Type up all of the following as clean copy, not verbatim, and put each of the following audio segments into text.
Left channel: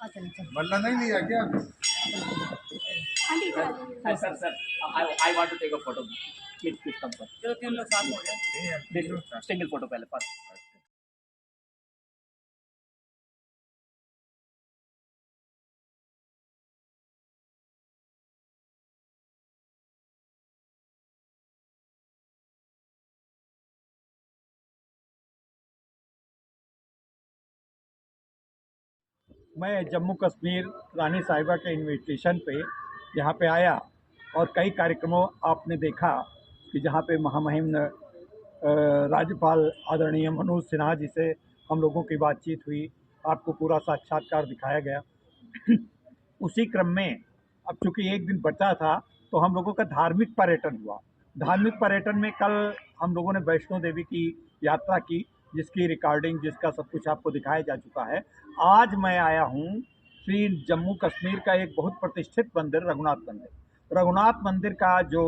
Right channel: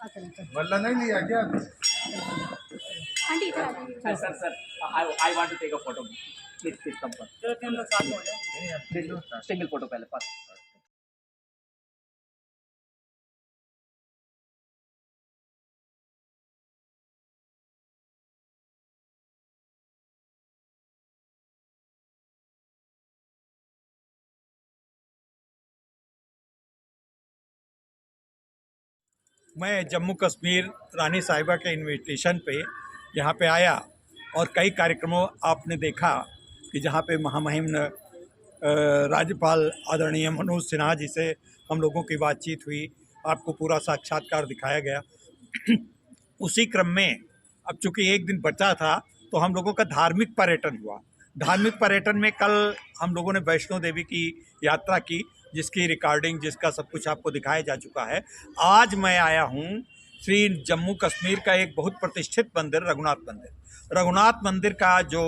वल्ला नहीं लिया क्या? आंटी इधर आ जाइए। Sir I want to take a photo please please come पर चलो 3 लोग साथ में हो जाए। सिंगल फोटो पहले पास मैं जम्मू कश्मीर रानी साहिबा के इनविटेशन पे यहाँ पे आया और कई कार्यक्रमों आपने देखा कि जहाँ पे महामहिम राज्यपाल आदरणीय मनोज सिन्हा जी से हम लोगों की बातचीत हुई, आपको पूरा साक्षात्कार दिखाया गया। उसी क्रम में अब चूंकि एक दिन बचा था तो हम लोगों का धार्मिक पर्यटन हुआ। धार्मिक पर्यटन में कल हम लोगों ने वैष्णो देवी की यात्रा की, जिसकी रिकॉर्डिंग जिसका सब कुछ आपको दिखाया जा चुका है। आज मैं आया हूँ श्री जम्मू कश्मीर का एक बहुत प्रतिष्ठित मंदिर रघुनाथ मंदिर। रघुनाथ मंदिर का जो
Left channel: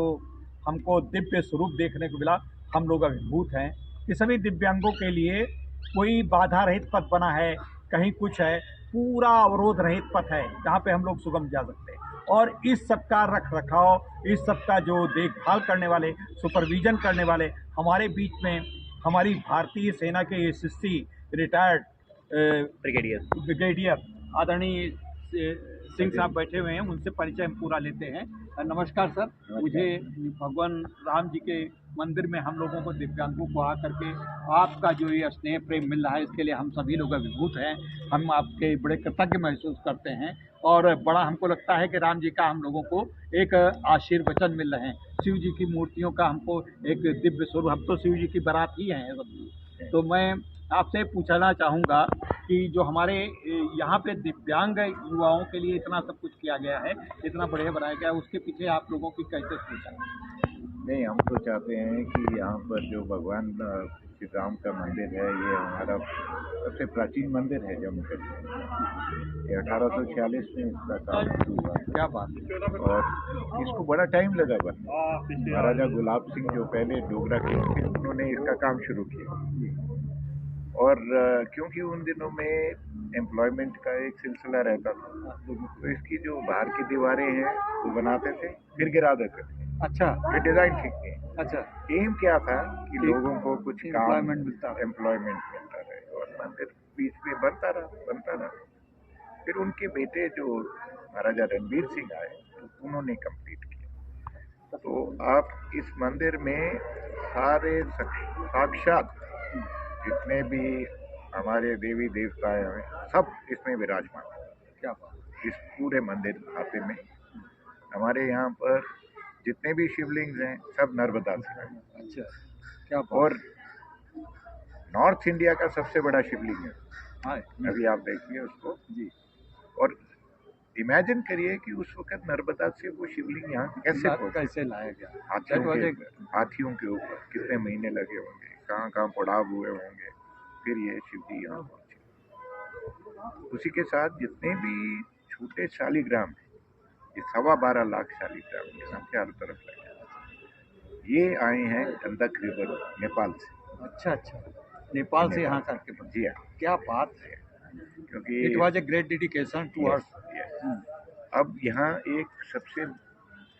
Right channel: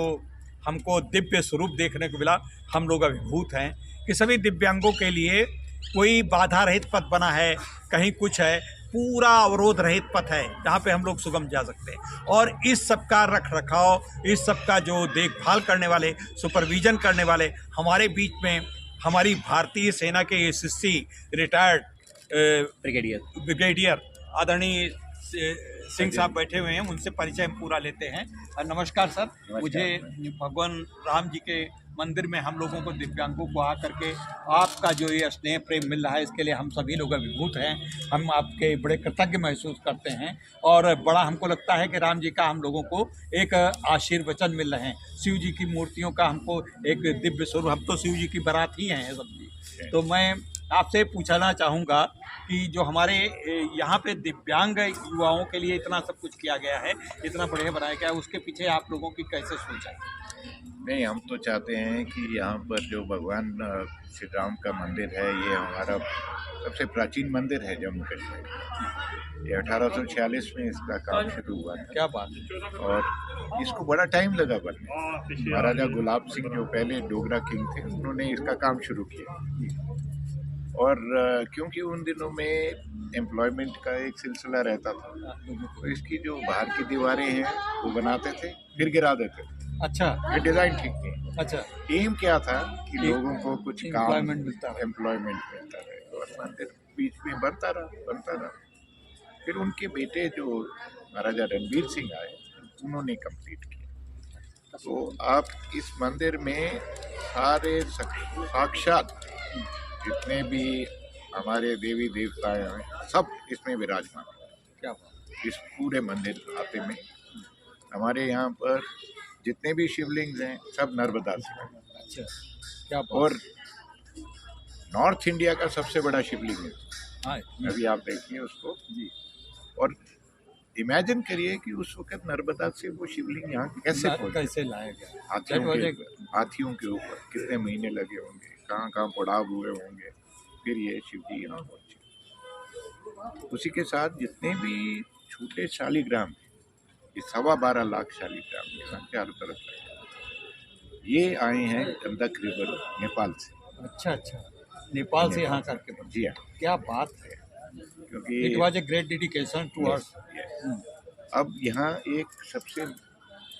हमको दिव्य स्वरूप देखने को मिला, हम लोग अभिभूत हैं कि सभी दिव्यांगों के लिए कोई बाधा रहित पथ बना है, कहीं कुछ है, पूरा अवरोध रहित पथ है जहाँ पे हम लोग सुगम जा सकते हैं। और इस सब का रख रखाव, इस सब का जो देखभाल करने वाले, सुपरविजन करने वाले हमारे बीच में हमारी भारतीय सेना के एसएससी रिटायर्ड ब्रिगेडियर आदरणीय सिंह साहब बैठे हुए हैं, उनसे परिचय हम पूरा लेते हैं। नमस्कार सर। मुझे भगवान राम जी के मंदिर में हम लोगों को दिव्यांगों को आकर के आपका जो ये स्नेह प्रेम मिल रहा है, इसके लिए हम सभी लोग अभिभूत हैं। हम आपके बड़े कृतज्ञ महसूस करते हैं और बड़ा हमको लगता है कि राम जी का हम लोगों को एक आशीर्वचन मिल रहे हैं। शिव जी की मूर्तियों का हमको एक दिव्य स्वरूप, हम तो शिव जी की बारात ही हैं सब जी। तो मैं आपसे पूछना चाहूँगा कि जो हमारे यहाँ पे दिव्यांग युवाओं के लिए इतना सब कुछ किया गया है, इतना बढ़िया बनाया गया है, उसके पीछे आप लोगों की कैसे सोच है? नहीं, हम तो चाहते हैं कि यहाँ पर जो भगवान श्री राम का मंदिर है, ये हमारा सबसे प्राचीन मंदिर है जम्मू कश्मीर का। ये 1846 में इसका काम शुरू हुआ है। क्या बात है। और इसको बड़ा टाइम लगा बनने। महाराजा गुलाब सिंह जो पहले डोगरा किंग थे, उन्होंने इसका काम शुरू किया। और क्योंकि उन दिनों में एम्प्लॉयमेंट का एक सिलसिला रहता था, तो इसकी जो बाहर की दीवारें हैं वो बनाते थे, फिर गिरा देते थे। अच्छा, ये डिज़ाइन ठीक नहीं। अच्छा, एम क्या था कि लोगों को कुछ काम, एम्प्लॉयमेंट मिलता रहे, और मंदिर बीच में बनता रहा। फिर उनके बेटे जो महाराजा रणबीर सिंह आए, उन्होंने कंप्लीट किया। तो आप इस मंदिर में सारे साक्षात जितने भी हमारे देवी देवता हैं, सब इसमें विराजमान हैं। क्या इस पूरे मंदिर खाते में हमारे यहाँ पर जितने भी शिवलिंग हैं, सब नर्मदा से। अच्छा, क्या और नॉर्थ इंडिया का सबसे बड़ा शिवलिंग है। हाँ, अभी आप देखिए उसको जी। और इमेजिन करिए कि उस वक्त नर्मदा से वो शिवलिंग यहाँ कैसे लाया गया। हाथियों के ऊपर कितने महीने लगे होंगे, कहाँ पड़ाव हुए होंगे, फिर ये शिव जी यहाँ पहुँचे। उसी के साथ जितने भी छोटे शालिग्राम, ये 12.25 लाख शालिग्राम यहाँ चारों तरफ लगे, ये आए हैं गंडक रिवर नेपाल से। अच्छा, नेपाल से यहाँ करके। जी हाँ, क्या बात है, क्योंकि it was a great dedication to us. अब यहाँ एक सबसे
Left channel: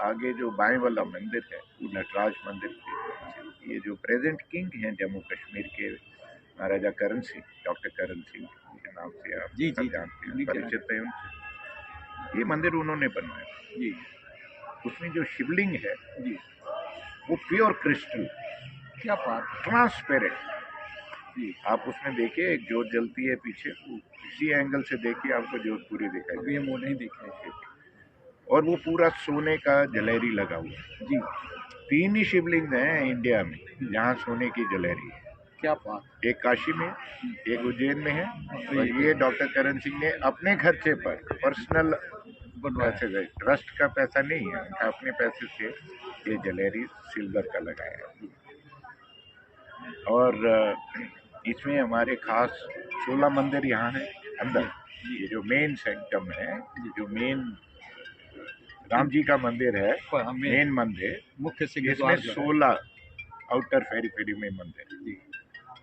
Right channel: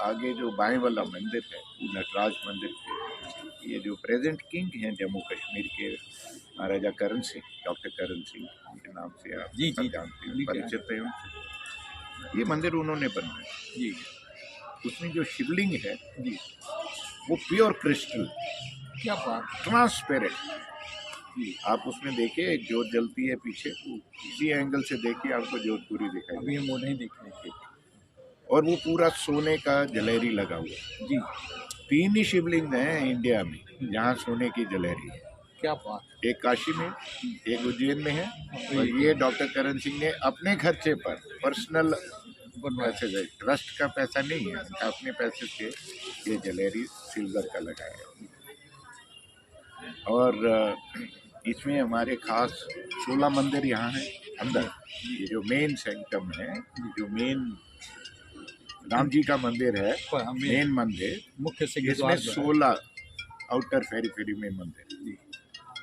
आगे जो बाएं वाला मंदिर है, वो नटराज मंदिर है। ये जो प्रेजेंट किंग हैं जम्मू कश्मीर के, महाराजा करण सिंह, डॉक्टर करण सिंह के नाम से आप जी जानते हैं, परिचित हैं उनसे। ये मंदिर उन्होंने बनवाया जी। उसमें जो शिवलिंग है जी, वो प्योर क्रिस्टल, क्या बात, ट्रांसपेरेंट जी। आप उसमें देखिए, एक जोत जलती है पीछे, इसी एंगल से देखिए आपको जोत पूरी दिखाई अभी हम वो नहीं देख रहे थे। और वो पूरा सोने का जलेरी लगा हुआ है। जी। 3 ही शिवलिंग हैं इंडिया में जहाँ सोने की जलेरी है। क्या बात। एक काशी में, एक उज्जैन में है, और ये डॉक्टर करण सिंह ने अपने खर्चे पर पर्सनल पैसे गए, ट्रस्ट का पैसा नहीं है, उनका अपने पैसे से ये जलेरी सिल्वर का लगाया है। और इसमें हमारे खास 16 मंदिर यहाँ हैं अंदर। ये जो मेन सेंटम है, जो मेन राम जी का मंदिर है, मेन मंदिर मुख्य से इसमें 16 आउटर फेरी में मंदिर।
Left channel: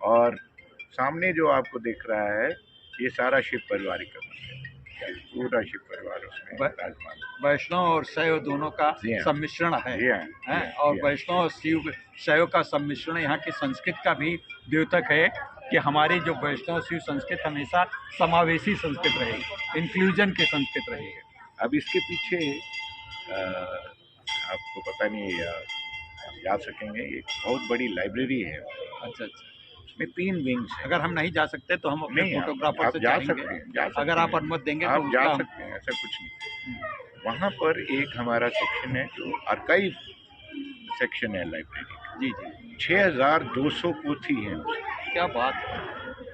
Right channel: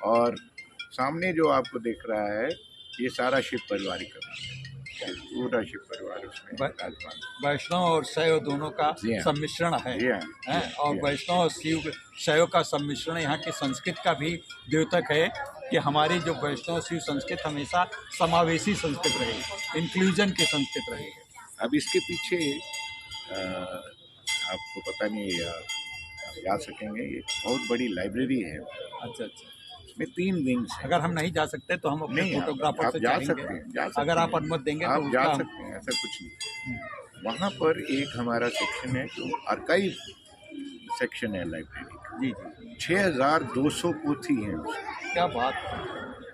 और सामने जो आपको दिख रहा है, ये सारा शिव परिवार का मंदिर। पूरा शिव परिवार उसमें ब- विराजमान। वैष्णव और शैव दोनों का जी हाँ। सम्मिश्रण है, जी हाँ, हैं? जी हाँ, और जी हाँ। वैष्णव और शिव शैव का सम्मिश्रण यहाँ की संस्कृत का भी द्योतक है कि हमारी जो वैष्णव शिव संस्कृत हमेशा समावेशी संस्कृत रही, इंक्लूजन की संस्कृत रही है। अब इसके पीछे आपको पता नहीं या आप जा सकेंगे, एक बहुत बड़ी लाइब्रेरी है, अच्छा अच्छा, इसमें 3 विंग्स हैं। अगर हम नहीं जा सकते तो हम अपने नहीं, फोटोग्राफर आप से जा चाहेंगे, सकते हैं, जा सकते अगर आप हैं। अनुमति देंगे आप तो जा उसका हम- सकते हैं, ऐसा कुछ नहीं। वहाँ पर एक हमारा सेक्शन है जो आर्काइव सेक्शन है लाइब्रेरी का। जी जी, 6200 पोथी हैं उसमें, क्या बात है।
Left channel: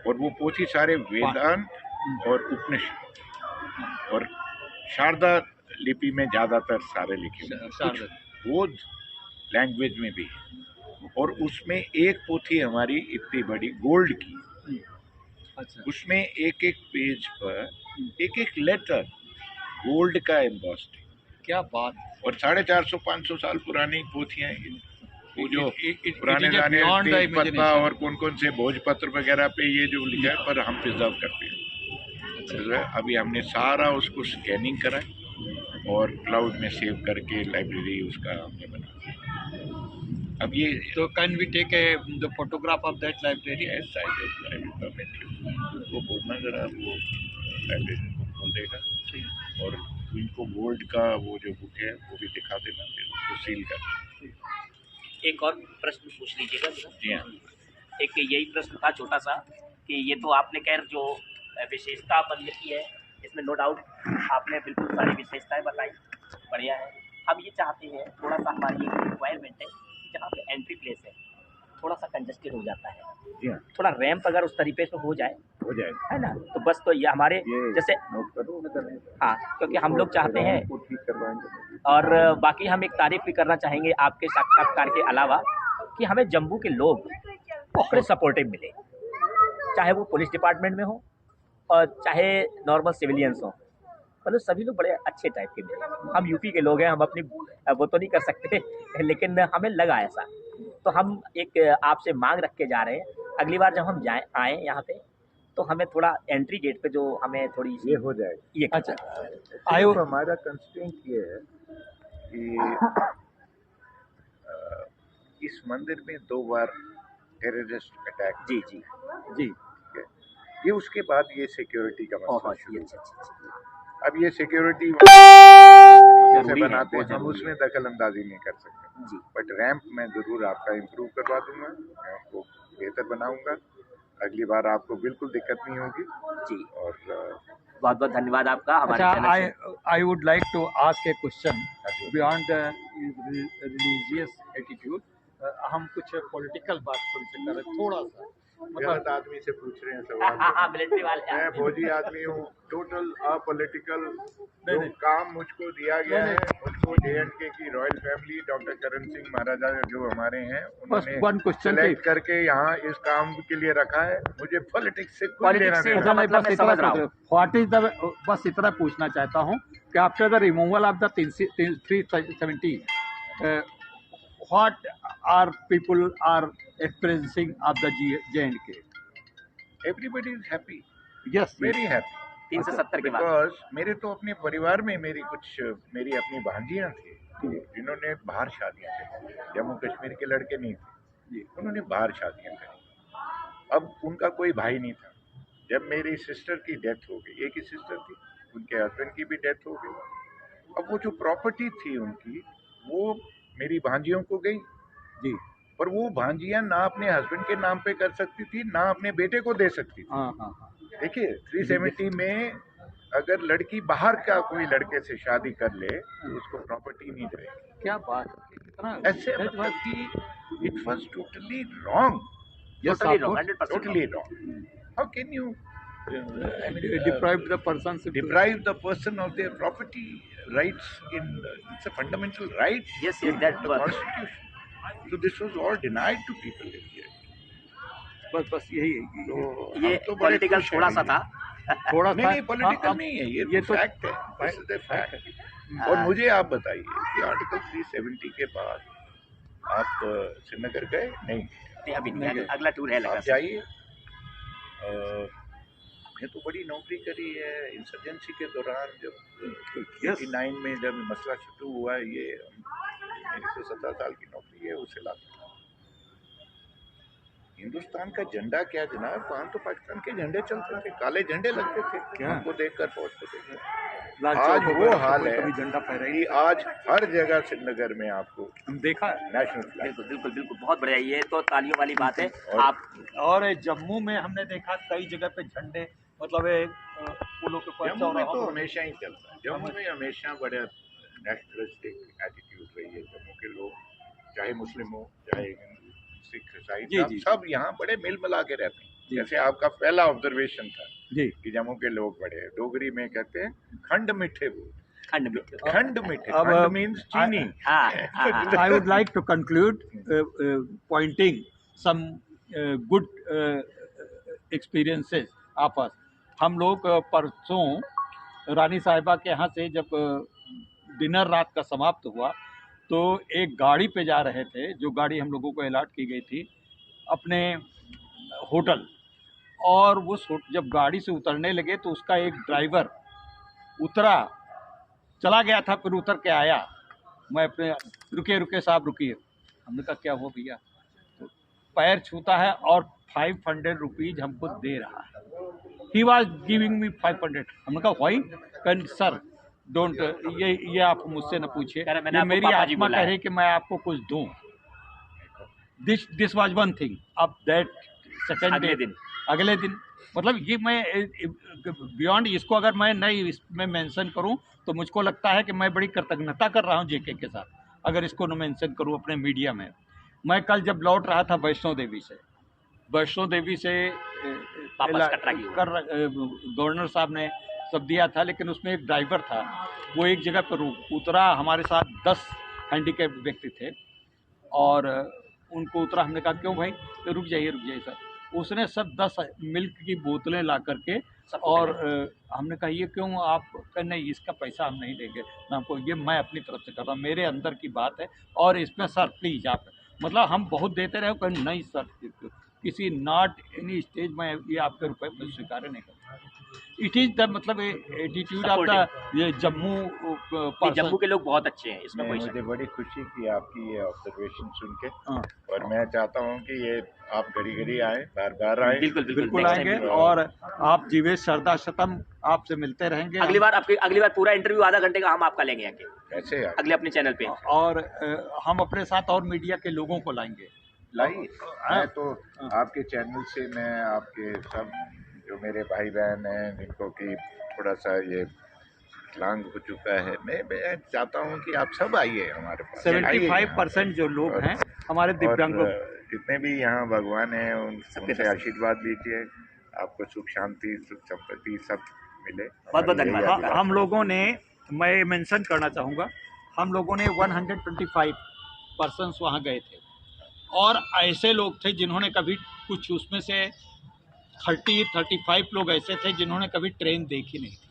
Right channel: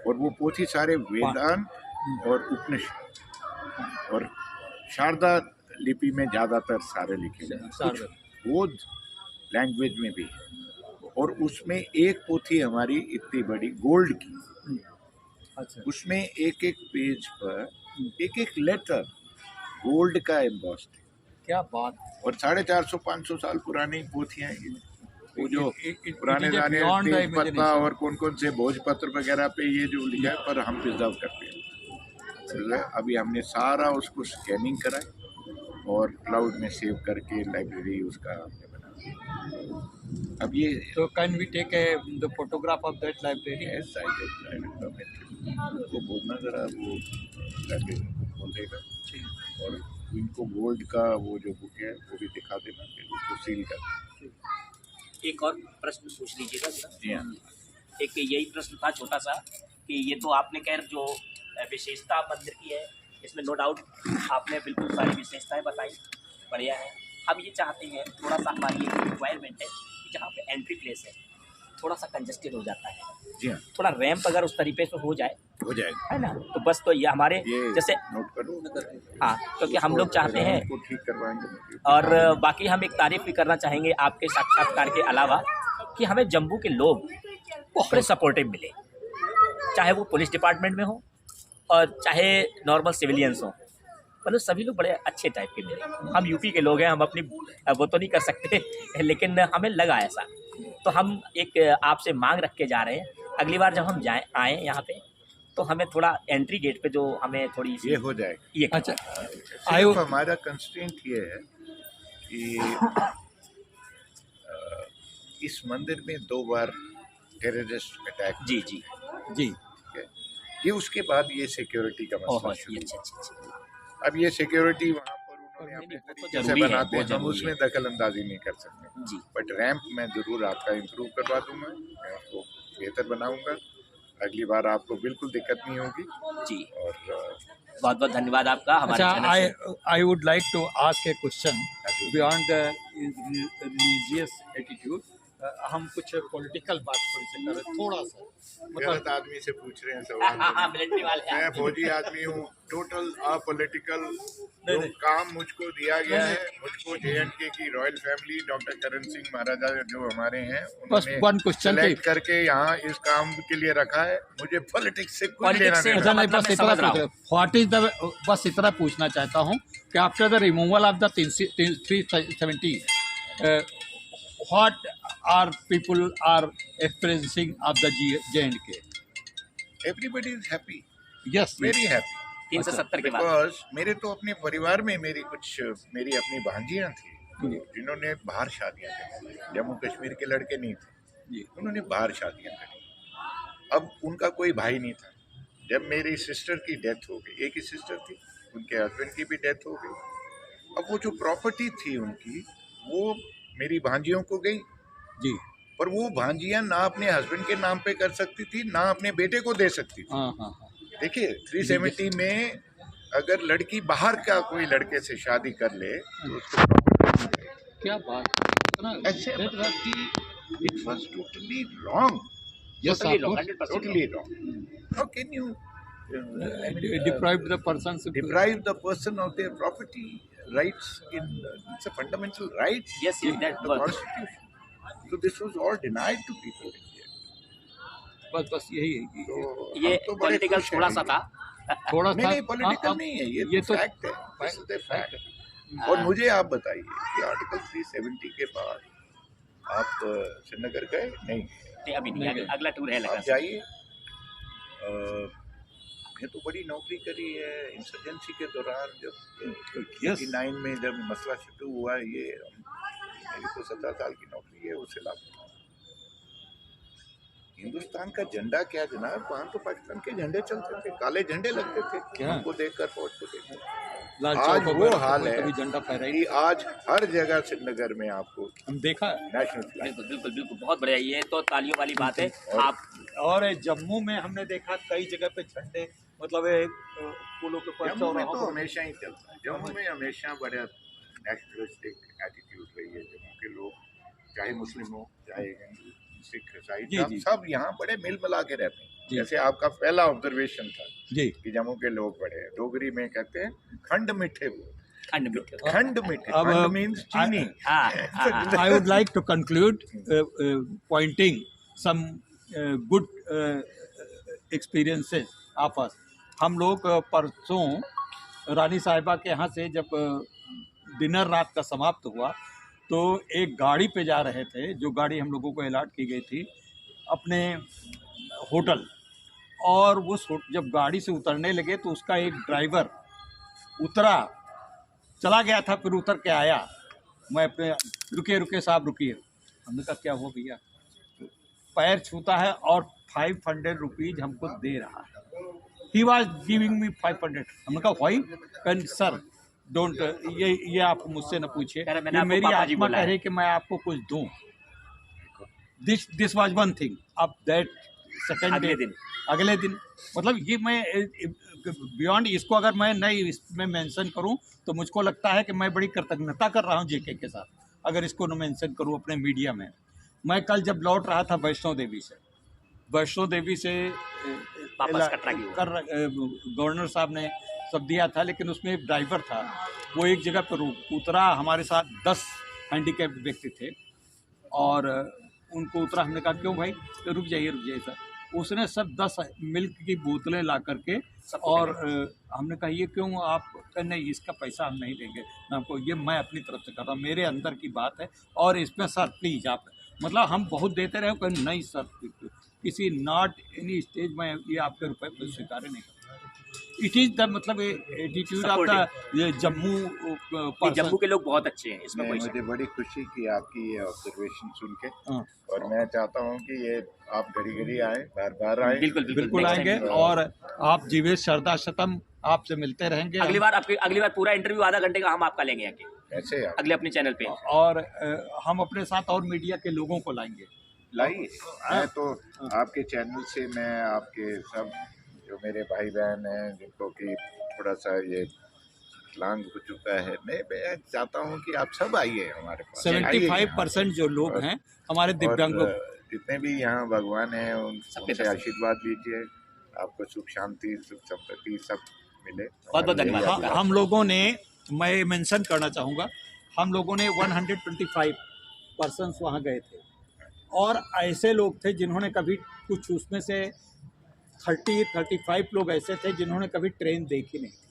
और वो पोथी सारे वेदांत और उपनिषद और शारदा लिपि में ज़्यादातर सारे लिखे हुए हैं, कुछ बौद्ध लैंग्वेज में भी है। और उसमें एक पोथी हमारी इतनी बड़ी गोल्ड की, अच्छा, उसमें एक एक पेज पर एक एक लेटर गोल्ड का एम्बॉस्ड है। क्या बात। और 450-500 साल पुरानी पोथियां हैं ये। वो जो it पुराने is a जाने beyond the तेज पत्ता imagination. और कौन कौन से भोजपत्र वगैरह पे ये जो लिखा है, पर हम प्रिजर्व करते हैं। अभी हमने सारा उसको स्कैनिंग करा है और क्लाउड में सेव करके लाइब्रेरी उसका हमने बना। अब ये So can we take the photograph of that library? yes, I will permit you। उसको बोलना जरा, वो लाइब्रेरी को खोल देगा और इनको गोल्ड का वो जो बुक है वो भी दिखा देना, फिर उसको सील कर। एक और प्रश्न पूछ लीजिएगा जरा। जी हाँ। एक यही प्रश्न था छोटा सा कि ये तो आपने खैर जो विशेषता मंदिर की है, इसमें नो डाउट आपने बिल्कुल सारी विशेषताएं बताई, बढ़िया है। हम ये चाहते हैं, थोड़ा सा हमारी एक रिक्वायरमेंट है कि जहाँ पे एंट्री प्लेस है थोड़ा सा कंजस्टेड हो जाता है, जी हाँ, थोड़ा रैंप अगर उस तरीके से हो जाए, हो जाएगा। है ना, तो बस तो ये हमारे ये जैसे नोट करो। हाँ, क्योंकि हम लोग चाहते हैं उसको ठीक करवाएंगे। और बाकी हम एक तारीफ भी करना चाहेंगे आपके साक्षात्कार के अलावा कि हमें जम्मू के लोग बड़े सपोर्टिव मिले, चाहे वो पुलिस डिपार्टमेंट में हो और चाहे नॉर्मल सिविलियंस हो, मतलब सभी लोग बड़े अच्छे टाइप के मिले। हम यूपी के लोग हैं, हम अपनी वो तो नहीं कर सकते, लेकिन हमें लगा ऐसा, तो हम एक आपसे मांग रख के जा रहे हैं, अगली बार जब हम आए यहाँ पे तो हमें थोड़ा एंट्री गेट पे जो हमें थोड़ी सी ये हो जाएगा। ये अच्छा, सिर्फ हमारा कंस्ट्रेंट ये है कि इस मंदिर में 2 बार टेररिस्ट अटैक। जी जी जी, ये उसके बाद ये सिक्योरिटी का मसला बहुत शुरू अच्छा हुआ। अच्छा। अब ये सिक्योरिटी जैसे जरूरी है, बनाते बहुत हैं, हम जरूरी उसमें है। दखल अंदाजी नहीं कर सकते, जी बट रैंप मैं ज़रूर आपका इम्प्रूव करवा दूंगा, मैं आपको बेहतर बनाऊंगा, अगली बार आपको बिल्कुल दिक्कत नहीं होगी। जी, और बहुत बहुत धन्यवाद आपका हमारे अच्छा, चैनल से। I would like to ask a question beyond the religious attitude. हम कुछ पॉलिटिकल बात थोड़ी सी करें, थोड़ा सा गलत आदमी से पूछ रहे हैं सवाल। मिलिट्री वाले मैं फौजी आदमी हूँ, टोटल अपॉलिटिकल। जो काम मुझको दिया गया है, मुझको JNK की royal family, doctor Karan Singh महाराजा जो हमारे हैं, बस one उन्होंने question सेलेक्ट करके यहाँ इस काम के लिए रखा है। मुझे पॉलिटिक्स से कुछ लेना से- देना अच्छा, नहीं। नहीं, बस मैं इतना समझ रहा हूँ। व्हाट इज द, बस इतना पूछना चाहता हूँ कि after the removal of the 370 what are people are experiencing of the JNK? Everybody is happy, yes, very happy, 370 के बाद because मेरे तो अपने परिवार में मेरी अपनी भांजियाँ थी जिन्होंने बाहर शादियाँ करी, जम्मू कश्मीर के लड़के नहीं थे, जी, उन्होंने बाहर शादियाँ करी। अब उनका कोई भाई नहीं था। जब मेरी सिस्टर की डेथ हो गई, एक ही सिस्टर थी, उनके हस्बैंड की भी डेथ हो गई, अब वो जो प्रॉपर्टी थी उनकी, वो मेरी भांजियों को गई, जी, पर वो भांजियाँ ना अपने हस्बैंड के नाम पे कर सकती थी, ना अपने बेटे को दे सकती थी। हाँ हाँ हाँ, देखिए 370 में अगर लड़की बाहर का कोई लड़के से शादी कर ले तो उसको प्रॉपर्टी नहीं मिलेगी। क्या बात, इतना ऐसे मतलब कि it was totally wrong, Totally wrong, 100% totally wrong. How can you deprived the person deprive the person of their property rights it's a fundamental right Yes, in that the was- constitution. So this was all denied to people in here. बस यही तो ये हम तो बड़े political खुश हैं। थोड़ा सा था। थोड़ा नहीं सा नहीं पॉलिटिकल नहीं है, ये तो फैक्ट है, दिस इज द फैक्ट। और मुझे आप बताइए कि आर्टिकल 370 के बाद आप श्रीनगर गए? नहीं, अभी नहीं, अगला टूर है आप लगा। जाइए, आपने तो बड़ी नौकरी करी है इंसर्जेंसी के दौरान, जब Yes. 89 में जब मसला शुरू हुआ, ये मेरी तो 17 साल की नौकरी है उस इलाके में। हिंदुस्तान का झंडा क्या जनाब, वहाँ तो पाकिस्तान के झंडे चलते थे, काले झंडे लगते थे क्या? हमको देखकर, फौज को देखकर। लाल आज चौक वो पर हाल कोई है कभी झंडा फहराई कि आज हर जगह श्रीनगर में आपको हम देखा है। National flag. बिल्कुल बिल्कुल बिल्कुल, बहुत बढ़िया, ये तो तालियों वाली बात है। और- आप और जम्मू में हमने देखा कई जगह पे झंडे, मतलब ये पुलों के पास जम्मू में चौराहों तो पर- हमेशा ही चलता है, जम्मू में हमेशा बड़ा नेशनलिस्टिक एटीट्यूड रही है। जम्मू के लोग चाहे मुस्लिम हो चाहे हिंदू सिख ईसाई, जी, जी। सब यहाँ बड़े मिल मिला के रहते हैं। जी। जैसे आपका पहला ऑब्जर्वेशन था जी। कि जम्मू के लोग बड़े हैं, डोगरी में कहते हैं खंड मिठे बोल, खंड में खंड मिठे, अब- खंड मीन्स चीनी। हाँ, हाँ, हाँ। I would like to conclude pointing some good experiences of us. हम लोग परसों रानी साहिबा के यहाँ से जब डिनर रात का समाप्त हुआ तो एक गाड़ी पे जा रहे थे, जो गाड़ी हम लोगों को अलॉट की गई थी अपने होटल, और जब गाड़ी से उतरने लगे तो उसका एक ड्राइवर उतरा, चला गया था, फिर उतर के आया। मैं अपने रुके साहब रुकिए, हमने कहा क्या हुआ भैया, तो पैर छूता है और 500 रुपीज हमको दे रहा है। He was giving me 500। हमने कहा वाई, कैन सर डोंट, ये आप मुझसे न पूछिए, कह रहा, मैंने ये आपको मेरी पापा जी आत्मा बोला कह है। रही कि मैं आपको कुछ दूं। This was one thing. अब दैट सेकंड अगले दिन मतलब ये मैं बियॉन्ड इसको अगर मैं नहीं इसमें मेंशन करूं तो मुझको लगता है कि मैं बड़ी कृतज्ञता कर रहा हूं जेके के साथ, अगर इसको न मेंशन करूं अपने मीडिया में। मैं कल जब लौट रहा था वैष्णो देवी से वापस कटरा की ओर। गवर्नर साहब ने सब दिया था, लेकिन उसमें एक ड्राइवर था, वो एक जगह पर उतरा, हमारे साथ 10 हैंडीकैप व्यक्ति थे और उनको उतरा। हमने कहा क्यों भाई, तो रुक जाइए सर। उसने सब 10 मिल्क की बोतलें ला करके और हमने कहा ये क्यों, आप नहीं इसका पैसा हम नहीं देंगे, मैं अपनी तरफ से कर रहा हूँ, मेरे अंदर की बात है, और इसमें सर प्लीज़ आप, मतलब हम बहुत देते रहे, कहीं नहीं सर, किसी नॉट एनी स्टेज में ये आपके रुपए पर स्वीकार नहीं करता। इट इज़ द मतलब एटीट्यूड ऑफ द ये जम्मू जम्मू के लोग बहुत अच्छे हैं, इसमें कोई शक मुझे बड़ी खुशी की आपकी ये ऑब्जर्वेशन सुन के, हाँ। और मैं चाहता हूँ कि ये आप घड़ी आए, बार आए। बिल्कुल next आएंगे, time और आप जीवेश शारदा शतम आपसे मिलते रहेंगे। अगली बार पूरा इंटरव्यू आधा घंटे का हम आपका लेंगे आके कैसे आप अगले अपने चैनल पे। और हम अपने साथ और मीडिया के लोगों को लाएंगे। लाई, मैं तो आपके चैनल से, मैं आपके सब जो मेरे भाई बहन हैं जिनको कि थोड़ा सा ये लांग हो चुका है, मैं चाहता हूँ कि आप सब आइए हमारे पास। 75% जो लोग हैं हमारे दिव्यांगों, जितने भी यहाँ भगवान हैं उनसे आशीर्वाद लीजिए, आपको सुख शांति सुख संपत्ति सब मिले। बहुत धन्यवाद। हमारी यही हम लोगों ने, मैं मेंशन करना चाहूँगा, हम लोगों ने 125 पर्सन्स वहाँ गए थे, और ऐसे लोग थे जिन्होंने कभी कुछ, उसमें से 35 लोग ऐसे थे जिन्होंने कभी ट्रेन देखी नहीं थी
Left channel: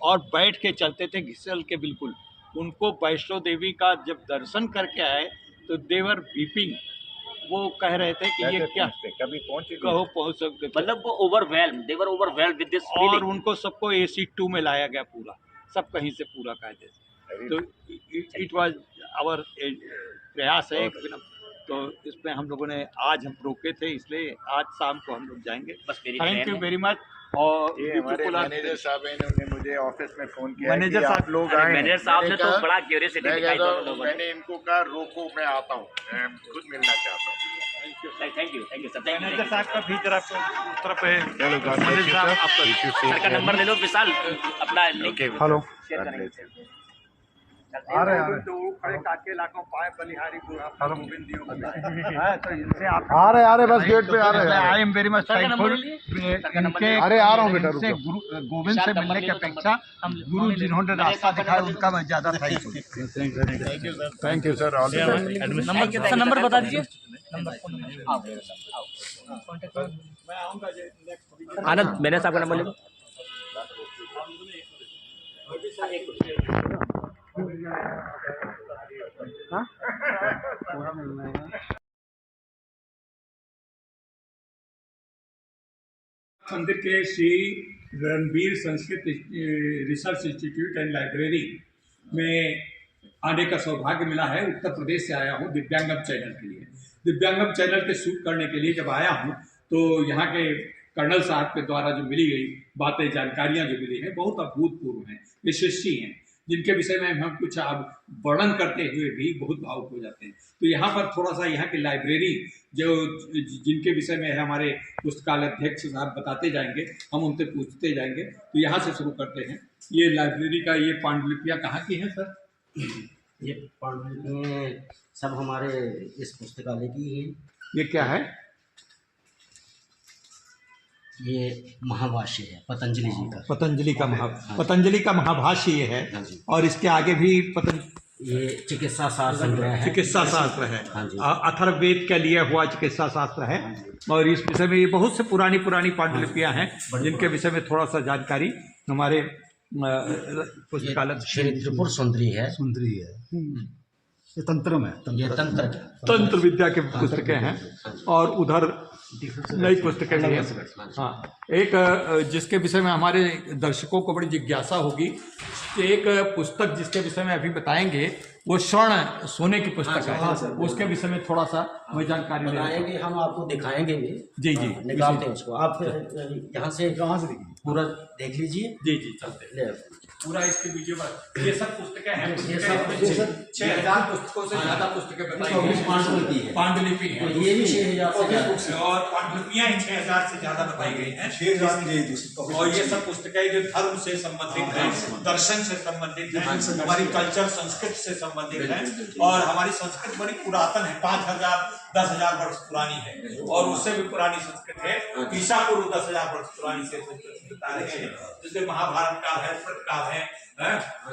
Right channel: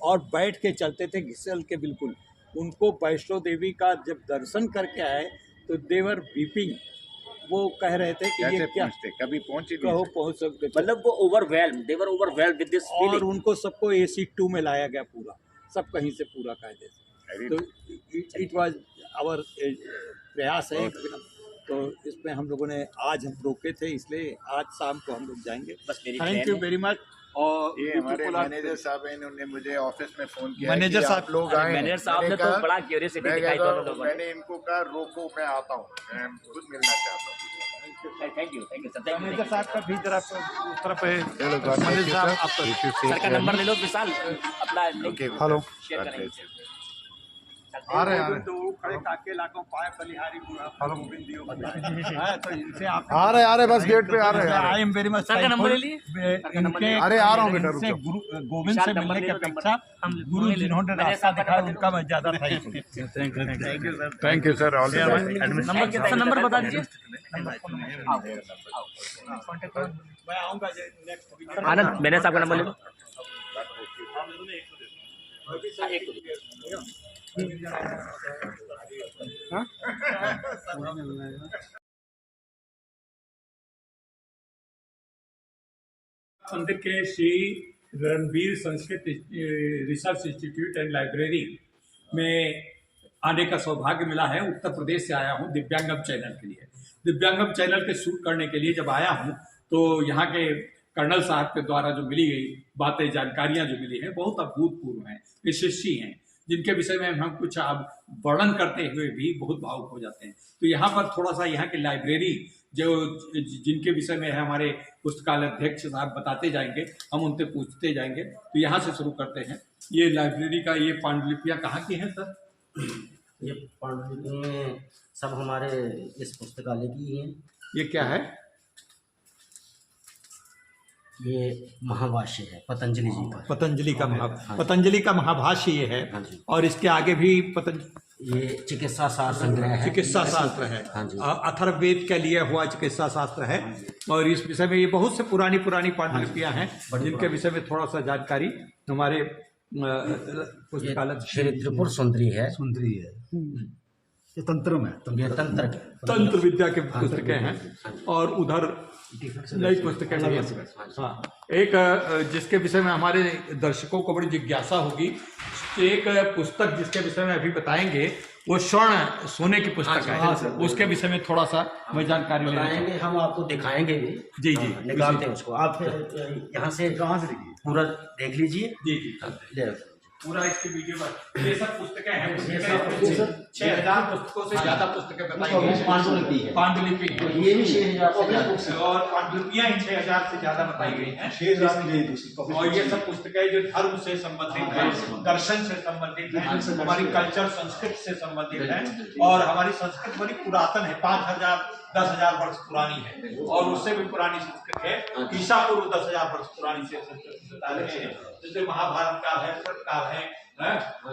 और बैठ के चलते थे घिसल के बिल्कुल। उनको वैष्णो देवी का जब दर्शन करके आए तो देवर वीपिंग, वो कह रहे थे कि ये कैसे क्या, पहुँचते, कभी पहुँचे कहो पहुँच सकते थे। मतलब वो दे वर ओवरवेल्म्ड विद दिस और फीलिंग। उनको सबको AC 2 में लाया गया, पूरा सब कहीं से पूरा कायदे से। तो इट वाज आवर प्रयास है। तो इसमें हम लोगों ने, आज हम रोके थे इसलिए आज शाम को हम लोग जाएंगे। बस मेरी थैंक ट्रेन यू है। Very much. और ये हमारे मैनेजर साहब हैं, उन्होंने मुझे ऑफिस में फोन किया मैनेजर कि साहब- आप लोग आए। मैनेजर साहब ने तो बड़ा क्यूरियोसिटी दिखाई दोनों लोगों ने। मैंने इनको कहा रोको, मैं आता हूँ, मैं खुद मिलना चाहता हूँ। Thank you sir, thank manager you. साहब का भी जरा उस तरफ है। चलो, God bless मैनेजर you, साहब, sir. आपका- If you see सर का नंबर ले लो विशाल, अपना link Okay, Hello. Share God करेंगे। bless you. आ रहे हैं। तो खड़े काके लाखों पाए बलिहारी बुढ़ा गोविंद दियो बताए। हाँ, तो इनसे आप आ रहे बस गेट पे आ रहे हैं। I am very much sir का नंबर थैंकफुल ले लिए? इनके, अरे आ रहा हूँ बेटा, इनसे रुको। गोविंद से मिलने की अपेक्षा गुरु जिन्होंने रास्ता दिखाया उनका मैं ज्यादा thankful. Thank you, sir. All the best. Number बता दीजिए। मैं आऊँगा नेक्स्ट। आनंद, मैंने साहब का नंबर ले लो। मंदिर के Shri Ranbir Sanskrit research institute and library में आने का सौभाग्य मिला है। उत्तर प्रदेश से आया हूँ दिव्यांगम चैनल के लिए। दिव्यांगम चैनल के शूट करने के लिए जब आया हूँ तो यहाँ के कर्नल साहब के द्वारा जो मिली गई बातें, जानकारियाँ जो मिली हैं, बहुत अभूतपूर्व हैं, यशस्वी हैं, जिनके विषय में हम कुछ अब वर्णन करते हुए भी बहुत भावुक हो जाते हैं। तो यहाँ पर थोड़ा सा यहाँ की लाइब्रेरी जो जिनके विषय में है हमारे पुस्तकालय अध्यक्ष साहब बताते जाएंगे, हम उनसे पूछते जाएंगे। तो यहाँ से शुरू करते हैं। ये लाइब्रेरी का ये पांडुलिपियाँ कहाँ की हैं सर? ये पांडुलिपियाँ सब हमारे इस पुस्तकालय की ही हैं। ये क्या है? ये महाभाष्य है पतंजलि जी का। पतंजलि का महाभाष्य ये है। हाँ जी। और इसके आगे भी ये चिकित्सा शास्त्र संग्रह है। चिकित्सा शास्त्र है। हाँ जी। अथर्ववेद के लिए हुआ चिकित्सा शास्त्र है। और इस विषय में ये बहुत से पुरानी पांडुलिपियाँ हैं जिनके विषय में थोड़ा सा जानकारी हमारे पुस्तकालय। श्री त्रिपुर सुंदरी है। ये तंत्र में, ये तंत्र विद्या के पुस्तकें हैं। और उधर नई पुस्तकें भी हैं। हाँ, एक जिसके विषय में हमारे दर्शकों को बड़ी जिज्ञासा होगी, एक पुस्तक जिसके विषय में अभी बताएंगे वो स्वर्ण सोने की पुस्तक है। उसके विषय में थोड़ा सा मैं जानकारी बताएंगे, हम आपको दिखाएंगे भी। जी जी, निकालते हैं उसको। आप यहाँ से कहाँ से पूरा देख लीजिए। जी जी, चलते ले पूरा इसके वीडियो पर। ये सब पुस्तकें हैं। 6000 पुस्तकों से ज्यादा पुस्तकें बताएंगे। पांडुलिपि है। पांडुलिपि है। ये भी 6000 से और पांडुलिपियां ही 6000 से ज्यादा बताई गई हैं। 6000 और ये सब पुस्तकें जो धर्म से संबंधित है, दर्शन से संबंधित है, हमारी कल्चर संस्कृति से संबंधित है। और हमारी संस्कृति बड़ी पुरातन है, 5000 10,000 वर्ष पुरानी है। और उससे भी पुरानी संस्कृति है। ईसा पूर्व 10,000 वर्ष पुरानी से संस्कृति बता रहे हैं, जिसमें महाभारत काल है, पुराण काल है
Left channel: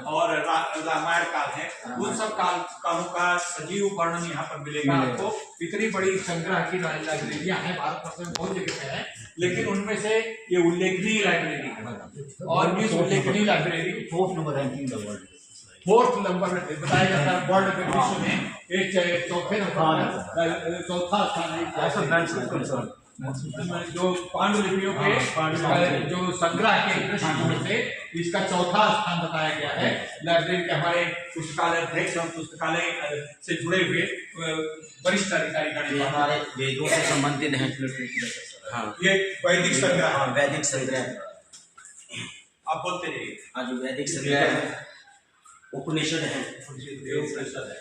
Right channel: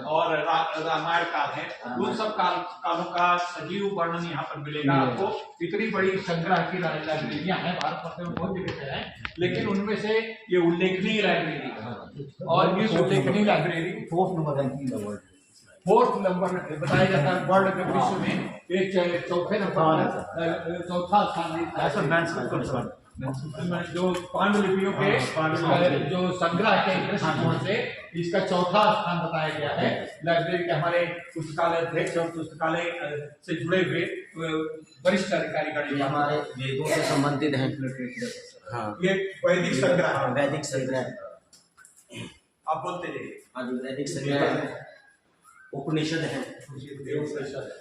और रामायण काल है। उन सब कालों का सजीव वर्णन यहाँ पर मिलेगा आपको। इतनी बड़ी संग्रह की लाइब्रेरियाँ हैं भारतवर्ष में, बहुत जगह पे है, लेकिन उनमें से ये उल्लेखनीय लाइब्रेरी है। और इस उल्लेखनीय library 4th number ranking the world, 4th number में बताया जाता है वर्ल्ड में, विश्व में एक चौथे नंबर, चौथा स्थान है। जो पांडुलिपियों के जो संग्रह के दृष्टिकोण से इसका चौथा स्थान बताया गया है। लाइब्रेरी के हमारे पुस्तकालय अध्यक्ष और पुस्तकालय से जुड़े हुए वरिष्ठ अधिकारी हमारे वेदों से संबंधित हैं। हाँ, ये वैदिक संग्रह। वैदिक संग्रह आप बोलते रहिए। हाँ जी, वैदिक संग्रह है, उपनिषद है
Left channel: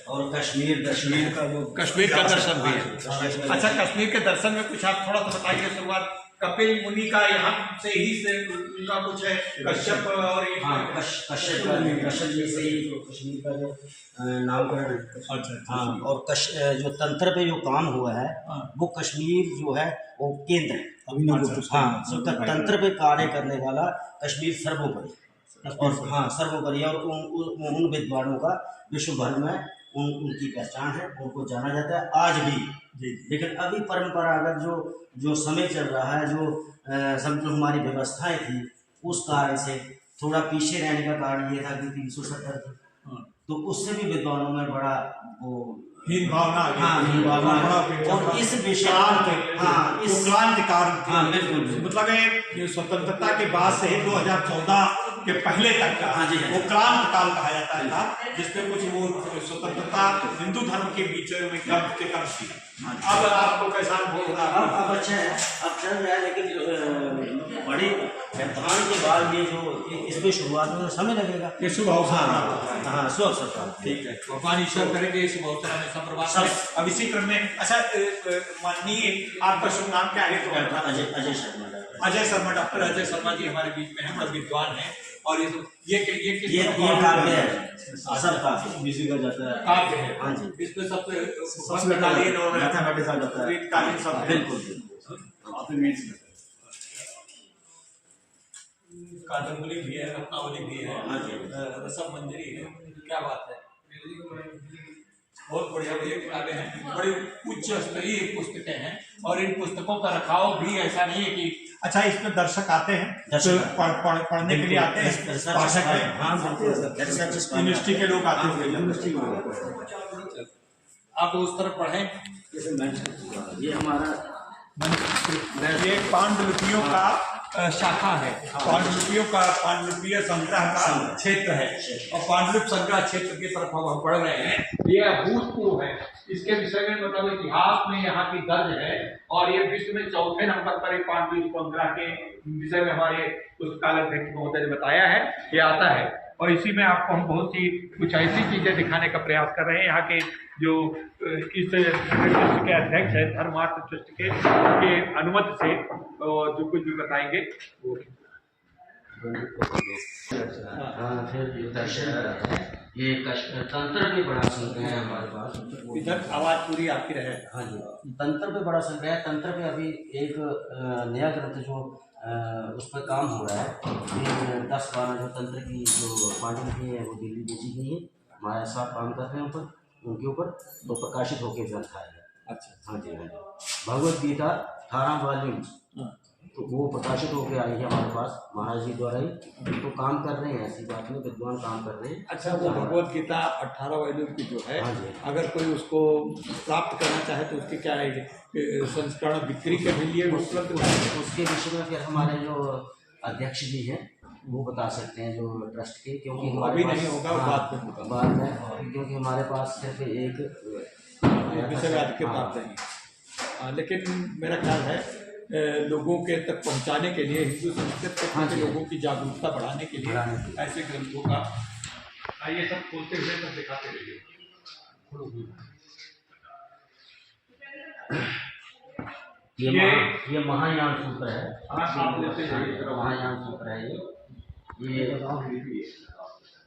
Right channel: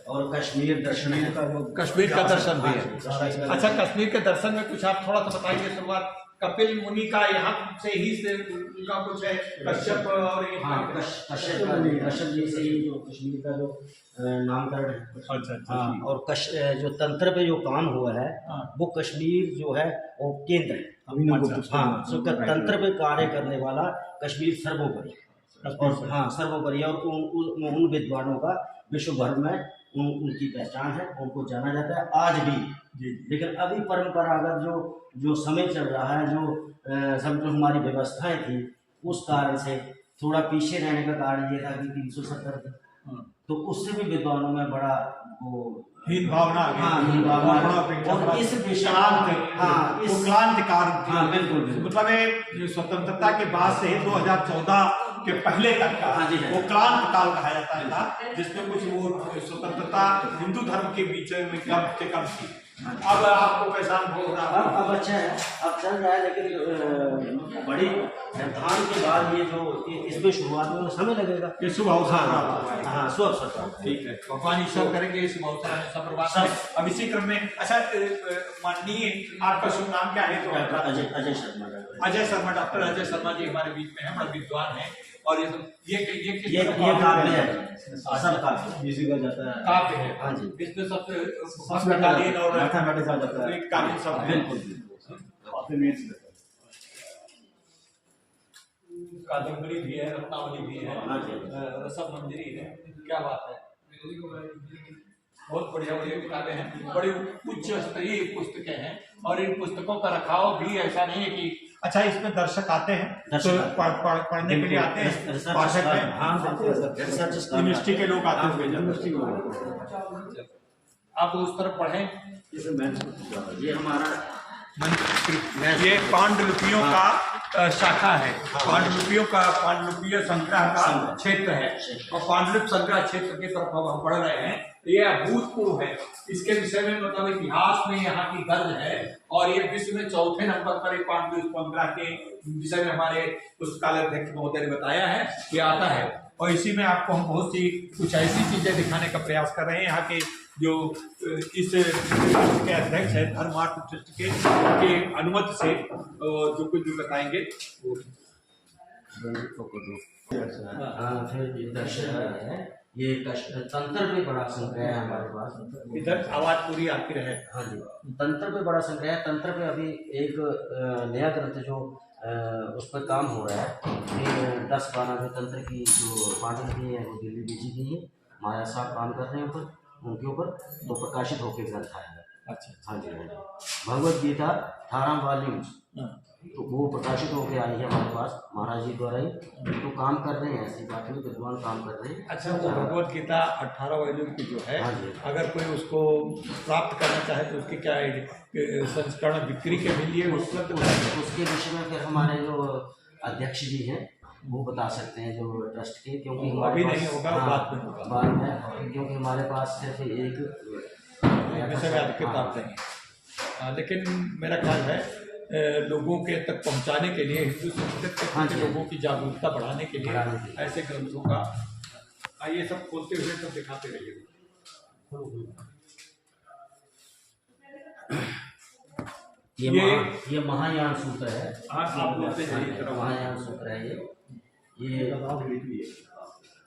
और कश्मीर दर्शन है। कश्मीर का दर्शन भी है। अच्छा, कश्मीर के दर्शन में कुछ आप थोड़ा सा बताइए। शुरुआत कपिल मुनि का यहाँ से ही से उनका कुछ है, कश्यप और कश्यप जी से ही जो कश्मीर का जो नामकरण है। अच्छा। हाँ, और जो तंत्र पे जो काम हुआ है वो कश्मीर जो है वो केंद्र है। हाँ, तंत्र पे कार्य करने वाला कश्मीर सर्वोपरि और हाँ सर्वोपरि। और उन विद्वानों का विश्व भर में उनकी पहचान है, उनको जाना जाता है आज भी। लेकिन अभी परंपरागत जो समय चल रहा है, जो समझो हमारी व्यवस्थाएं थी, उस कार्य से थोड़ा पीछे रहने का कारण ये था कि 370 थी, तो उससे भी विद्वानों में बड़ा वो हीन भावना। हाँ, हीन भावना। और इस विषय क्रांतिकार, बिल्कुल, मतलब स्वतंत्रता के बाद से 2014 के पहले तक का वो क्रांति काल कहा जाता था, जिसमें कुछ वो स्वतंत्रता हिंदू धर्म के बीच में कम थी। अब आपको कैसा अनुभव हो रहा है? अब अच्छा है, अब चल रहा है, लेकिन बड़ी व्यवधान के बाद ये जो इसमें शुरुआत में समय लगेगा। ये शुभ अवसर। हाँ, शुभ अवसर। ठीक है, भगवान ईश्वर करेंगे शुभ अवसर में सब बर्बाद। अब इसी क्रम में अच्छा, माननीय आपका शुभ नाम क्या है? अजय शर्मा। अजय शर्मा, डॉक्टर अजय शर्मा जी हमारे बीच में हैं, बड़े विद्वान हैं। और ये काव्य है, सब काव्य इसी का जाता है। काव्य है। हाँ जी, इसमें सब मैथमेटिक्स आ जाता है। बिल्कुल। कादम्बरी भी है, रत्नावली भी है, रसम मंजरी है। क्या बात है, बहुत बढ़िया किताबें हैं, बड़ी उच्च स्तरीय पुस्तकें हैं। और इन पुस्तकों का रखाव भी ऐसा नहीं है कि अच्छा इसमें दर्शक आते हैं तो पढ़ने के लिए आते हैं, पाठक हैं, यूनिवर्सिटी के लोग आते हैं। आप उस तरफ पढ़ें। ये हमारा ये पांडुलिपियों का शाखा है, पांडुलिपियों का पांडुलिपीय संग्रह का क्षेत्र है और पांडुलिपि संग्रह क्षेत्र की तरफ हम बढ़ रहे हैं। ये अभूतपूर्व है। इसके विषय में मतलब इतिहास में यहाँ की दर्ज है और ये विश्व में चौथे नंबर पर एक पांडुलिपि संग्रह के विषय में हमारे पुस्तकालय अध्यक्ष महोदय ने बताया है ये आता है। और इसी में आपको हम बहुत सी कुछ ऐसी चीजें दिखाने का प्रयास कर रहे हैं। यहाँ के जो इस ट्रस्ट के अध्यक्ष है धर्मार्थ ट्रस्ट के अनुमति से जो कुछ भी बताएंगे वो। हाँ, फिर दर्शन है ये तंत्र पे बड़ा संग्रह है हमारे पास। इधर आवाज पूरी आती रहे। हाँ जी, तंत्र पे बड़ा संग्रह है। तंत्र पे अभी एक नया ग्रंथ जो उस पर काम हो रहा है। 10-12 जो तंत्र की जो पांडुलिपि है वो दिल्ली भेजी गई है। माया साहब काम कर रहे हैं ऊपर उनके ऊपर, तो प्रकाशित होकर ग्रंथ आएगा। अच्छा, हाँ जी, हाँ जी। भगवद गीता 18 वॉल्यूम तो वो प्रकाशित होकर आई है हमारे पास महाराज जी द्वारा ही। तो काम कर रहे हैं, ऐसी बात में विद्वान काम कर रहे हैं। अच्छा, वो भगवद गीता 18 वॉल्यूम की जो है, हाँ जी, अगर कोई उसको प्राप्त करना चाहे तो उसकी क्या संस्करण बिक्री के लिए उपलब्ध है? उसके विषय में फिर हमारे जो अध्यक्ष जी हैं वो बता सकते हैं जो ट्रस्ट के, क्योंकि अभी नहीं होगा, हाँ, बाद में होगा। बाद में, क्योंकि हमारे पास सिर्फ एक विषय किताब नहीं। हाँ, लेकिन मेरा ख्याल है लोगों के तक पहुंचाने के लिए, हिंदू संस्कृति हाँ के जी, लोगों की जागरूकता बढ़ाने के लिए ऐसे ग्रंथों का आइए सब खोलते हुए सब दिखाते रहिए। ये महायान सूत्र है। आप लेते हैं महायान सूत्र है ये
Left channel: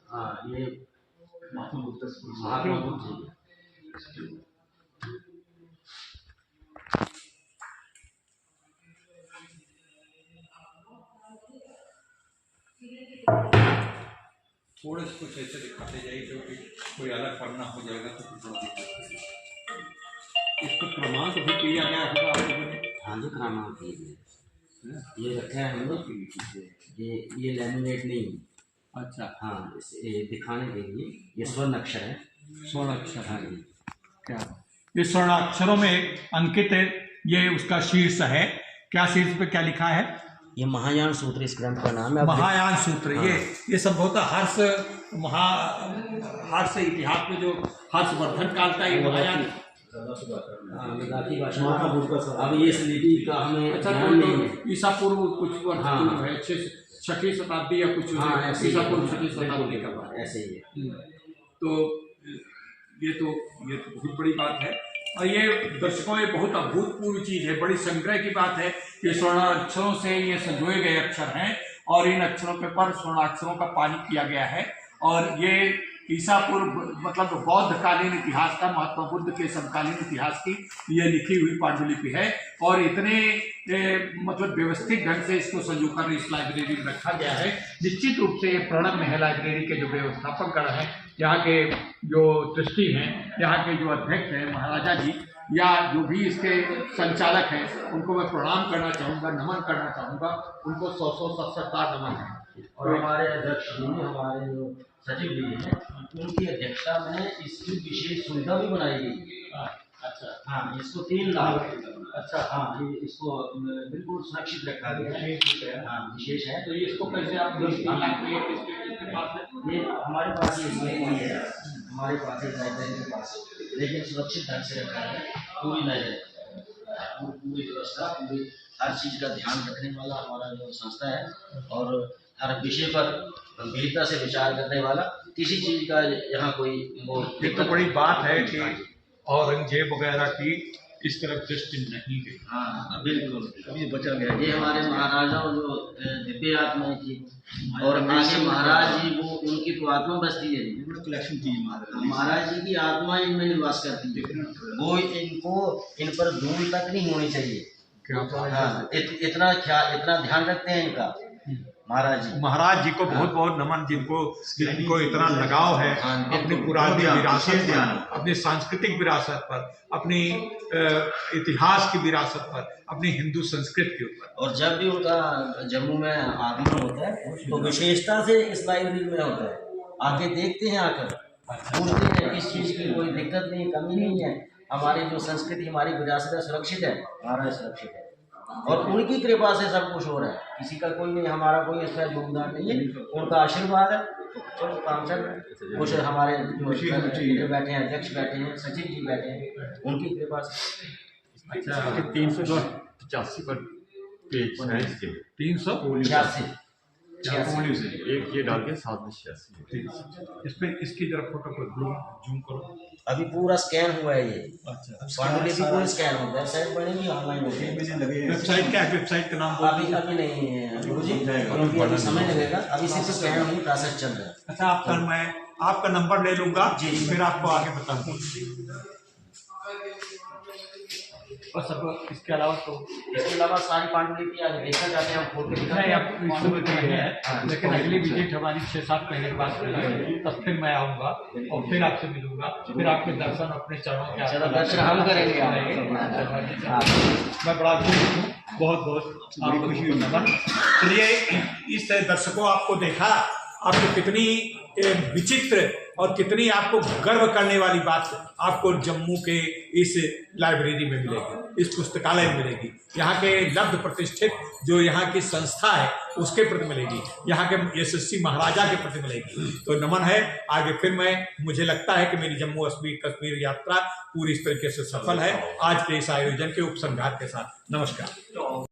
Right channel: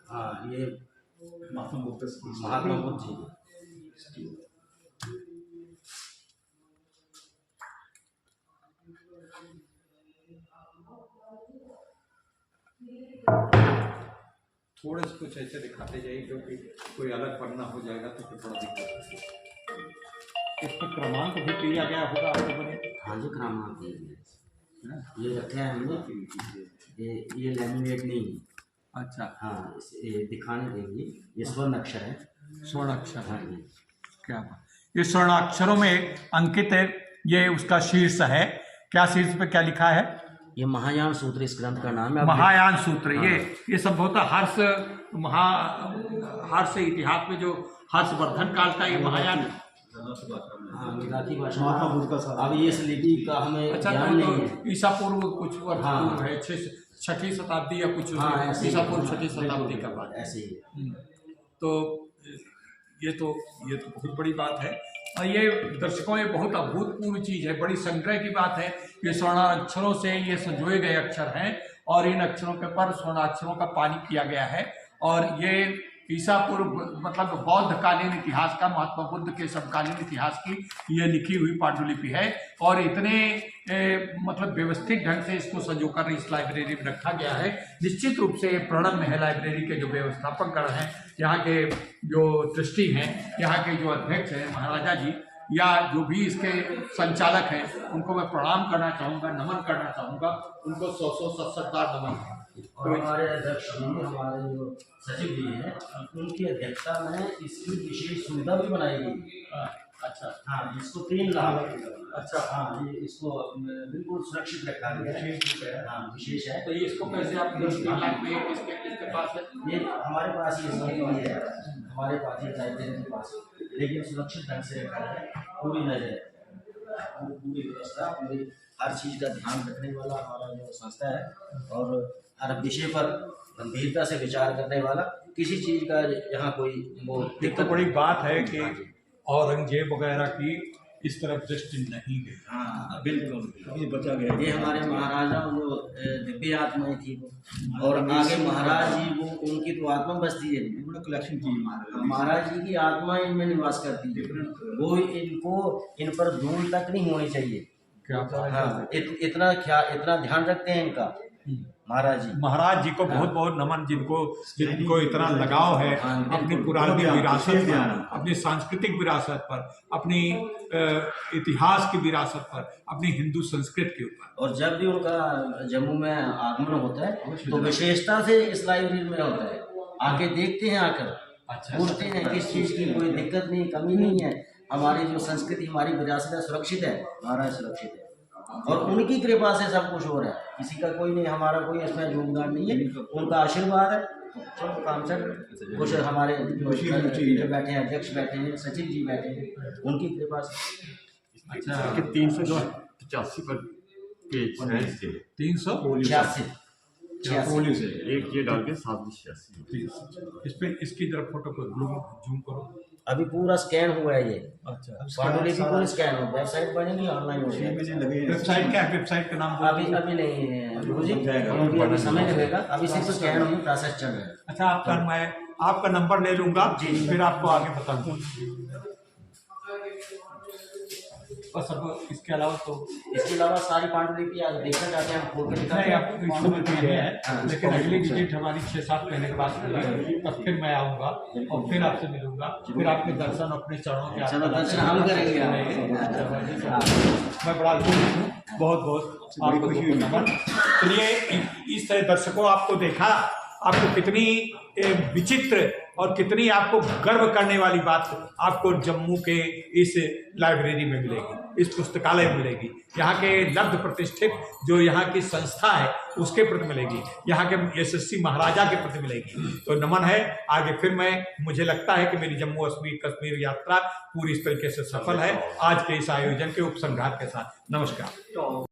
हाँ, ये महात्मा बुद्ध जी। थोड़े से कुछ ऐसे दिखाते जाइए क्योंकि कोई अलग पन्ना हो जाएगा तो फिर थोड़ा दिक्कत होगी। इसका क्रमांक भी दिया गया होगा आप लोगों ने? हाँ जी, क्रमांक दिए गए। ये रखे हैं हमने, ये लैमिनेट नहीं है। अच्छा, हाँ, इसे दिखाने के लिए ये स्वर्ण अक्षर है। स्वर्ण अक्षर। हाँ जी, क्या ये स्वर्ण अक्षरों में अंकित है। ये उसका शीर्ष है, क्या शीर्ष पे क्या लिखा है? ये महायान सूत्र इस ग्रंथ का नाम है। महायान सूत्र। ये संभवतः हर्ष इतिहास में जो हर्षवर्धन काल का ये महायान। हाँ, मराठी भाषा में अब ये लिपि का हमें अच्छा, ध्यान नहीं है। ईसा पूर्व कुछ वर्ष हाँ, पूर्व है, 6वीं शताब्दी या कुछ। हाँ, ऐसे ही ईसा है। पूर्व 6वीं शताब्दी का बात। ऐसे ही है। तो ये तो बहुत बड़ी बात है। और ये दर्शकों ये बहुत अभूतपूर्व चीज़ है, बड़ी संग्रह की बात है। ये स्वर्णाक्षरों से ये संजोए गए अक्षर हैं और इन अक्षरों के पर स्वर्णाक्षरों का पालन किया गया है। और ये ईसा पूर्व मतलब बौद्धकालीन इतिहास का, महात्मा बुद्ध के समकालीन इतिहास की ये लिखी हुई पांडुलिपि है। और इतने मतलब व्यवस्थित ढंग से इसको संजोकर इस लाइब्रेरी में रखा गया है। निश्चित रूप से ये प्रणब में है। लाइब्रेरी के जो व्यवस्थापक गण हैं, यहाँ के जो ट्रस्टी हैं, यहाँ के जो अध्यक्ष हैं महाराजा जी, या जो भी इसके संचालक हैं, उनको मैं प्रणाम करना चाहूँगा, नमन करना चाहूँगा। उनको 100 बार नमन है। और हमारे अध्यक्ष जी, हमारे जो सचिव जी हैं, उनकी अध्यक्षता में इसकी विशेष सुविधा भी बनाई गई। अच्छा, हाँ, इसको 3 लाख। अच्छा, हाँ, ये इसको बिल्कुल सुरक्षित रखा गया है। हाँ, विशेष है। तो ये इसको कैसे आप इसके पास है? ये हमारे पास ये नहीं है, हमारे पास ये लाइब्रेरी के पास, लेकिन सुरक्षित ढंग से रखा है। पूरी नजर, पूरी व्यवस्था, पूरी हर चीज़ का ध्यान रखने वाला हमारा जो संस्था है और हर विषय पर गंभीरता से विचार करने वाला, किसी चीज़ का यहाँ कोई वो ये तो बड़ी बात है कि औरंगजेब वगैरह की इस तरफ दृष्टि नहीं गई। हाँ, बिल्कुल, अभी बचा गया। ये हमारे महाराजाओं जो दिव्य आत्माएं थी, और आगे महाराज जी वो उनकी तो आत्मा बसती है। बड़ा कलेक्शन की महाराज जी की आत्मा इनमें निवास करती है। वो इन पर धूल तक नहीं होनी चाहिए। हाँ, इतना ध्यान रखते हैं इनका महाराज जी को बहुत बहुत नमन, जिनको इतना लगाव है अपनी पुरानी विरासत पर, अपनी सांस्कृतिक विरासत पर, अपनी इतिहास की विरासत पर, अपनी हिंदू संस्कृति के ऊपर। और जब भी उनका जम्मू में आगमन होता है तो विशेषता से इस लाइब्रेरी में होता है। आके देखते हैं, आकर पूछते हैं किस चीज़ की कोई दिक्कत नहीं, कमी नहीं है। हमारी जो संस्कृति, हमारी विरासत है, सुरक्षित है। महाराज सुरक्षित है। और उनकी कृपा से सब कुछ हो रहा है, किसी का कोई नहीं, हमारा कोई इसमें योगदान नहीं है, उनका आशीर्वाद है। तो चलो काम चल रहा है। कुछ हमारे जो बैठे हैं, अध्यक्ष बैठे हैं, सचिव जी बैठे हैं, उनकी कृपा से। अच्छा, 385 पर पेज है इसके 86 एक ये डाल के 786 इस पे इसकी जरा फोटो को जूम करो। अभी पूरा स्कैन हुआ है ये। अच्छा, पांडुलिपि पूरी स्कैन हो, वेबसाइट बनेगी, ऑनलाइन हो जाएगी। वेबसाइट क्या है? वेबसाइट का नाम अभी नहीं है गुरुजी, अभी समय लगेगा, अभी सिर्फ स्कैन हुई, प्रोसेस चल रहा है। अच्छा, मैं आपका नंबर ले लूंगा, फिर आपको आगे बताऊंगा। और सब इसके अलावा तो इसके अलावा सारी पांडुलिपि आज देखना चाहते हैं, हम खोल के दिखाते नहीं, हैं आप पांडुलिपि है, लेकिन अगली विजिट हमारी 6-7 महीने के बाद होगी, तब फिर मैं आऊँगा और फिर आपसे मिलूंगा, फिर आपके दर्शन अपने चरणों के। चलो दर्शन हम करेंगे। मैं बड़ा खुश हूँ, बहुत बहुत आपको नमन। चलिए, इस दर्शकों आपको देखा, आपको कितनी विचित्र और कितनी आपको गर्व करने वाली बात आपको जम्मू के इस लाइब्रेरी में मिलेगी, इस पुस्तकालय में मिलेगी। यहाँ के लब्ध प्रतिष्ठित जो यहाँ की संस्था है उसके प्रति मिलेगी, यहाँ के यशस्वी महाराजा के प्रति मिलेगी। तो नमन है। आगे फिर मुझे लगता है कि मेरी जम्मू कश्मीर यात्रा पूरी इस तरीके से सफल है आज के इस आयोजन के उपसंहार के साथ। नमस्कार।